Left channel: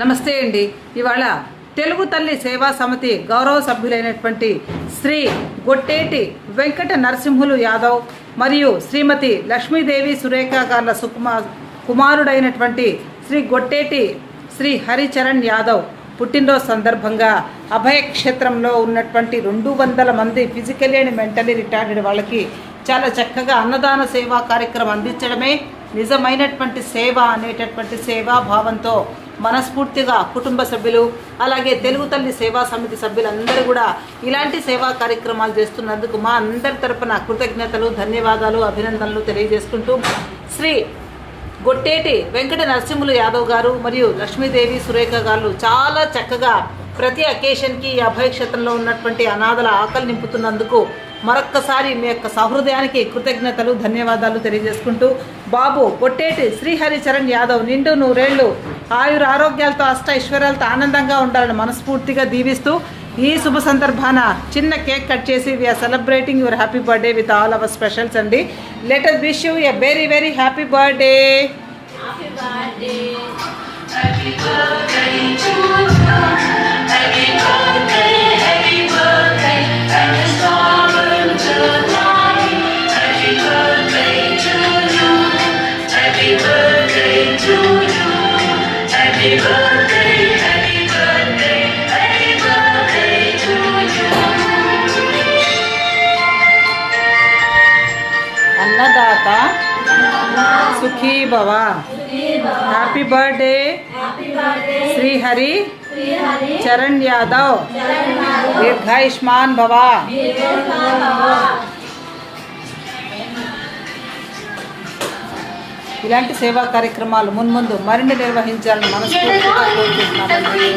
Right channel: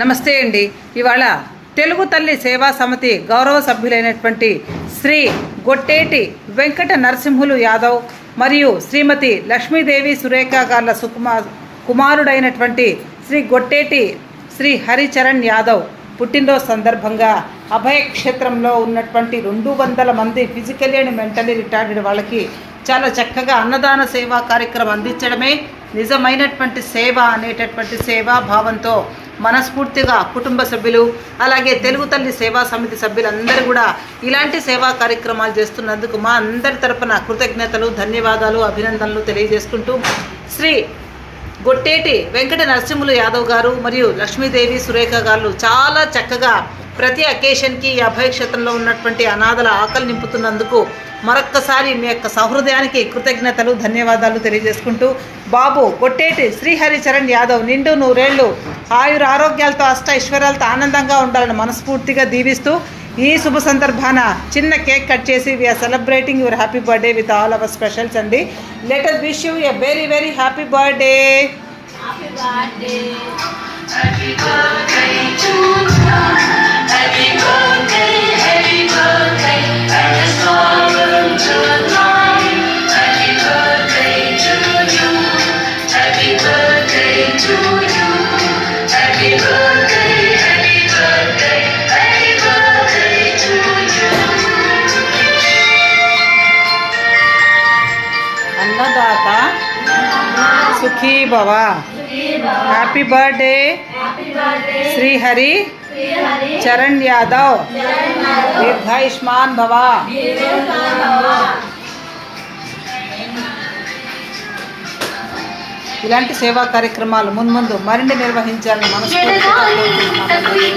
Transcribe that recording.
నమస్తే అండి. ఇవాళ తెలుగు తల్లి సేవా సమితి గౌరవ సభ్యులైనటువంటి శ్రీ గొట్టేటి వెంకట నరసింహులు యాదవ్ మరియు శ్రీమతి లక్ష్మీదేవి సురేఖ గార్ల కుమారుడైనటువంటి శ్రీ గొట్టేటి శ్రీ హరిచరణ్ యాదవ్ పుట్టినరోజు సందర్భంగా అభయక్షేత్రంలో ఉన్నటువంటి 200 మంది ఫిజికల్లీ అండ్ మెంటలీ రిటార్డెడ్ వాళ్ళకి చాలా చక్కగా అన్నదాన సేవా కార్యక్రమం అందించడమే నిజమైనటువంటి సేవ అనేటటువంటి సేవా భావంతో మనస్ఫూర్తిగా కుటుంబ సభ్యులు అలాగే తెలుగు తల్లి సేవా సమితి సభ్యులందరూ కూడా ఇలాంటి సేవా కార్యక్రమాలు చేస్తున్నందుకు మా అందరి తరపున కృతజ్ఞతలు, ధన్యవాదాలు, అభినందనలు తెలియజేసుకుంటూ శ్రీ గొట్టేటి వెంకట నరసింహులు యాదవ్ గారు మరియు లక్ష్మీదేవి సురేఖ గారు చాలా చక్కగా ప్రతి అకేషన్కి ఈ అభయక్షేత్రంలో ఉన్నటువంటి అనాథల ఆకలి నింపుతున్నందుకు మరొక్కసారి మీ యొక్క సహృదయానికి కృతజ్ఞతలు, ధన్యవాదాలు తెలియజేసుకుంటూ బాబు గొట్టేటి శ్రీ హరిచరణ్ యాదవ్ నిండు 100 ఏళ్ళు ఆయుర ఆరోగ్యాలతో ఐశ్వర్యాలతో ఆనందంగా ఉండాలని మనస్ఫూర్తిగా దీవిస్తూ ఈ శుభ సందర్భాన చిన్న కేక్ కట్ చేసి we're celebrating your happy birthday with all our specials అండి. Let us wish you a very very happy birthday. అన్నదాత సుఖీ భవ. Happy birthday Shri Hari Charan Yadav. దీర్ఘాయుష్మాన్ భవ. ఇలాంటి సేవా కార్యక్రమాలు మున్ముందు మరిన్ని నిర్వహించాలని మనస్ఫూర్తిగా కోరుకుంటున్నామండి.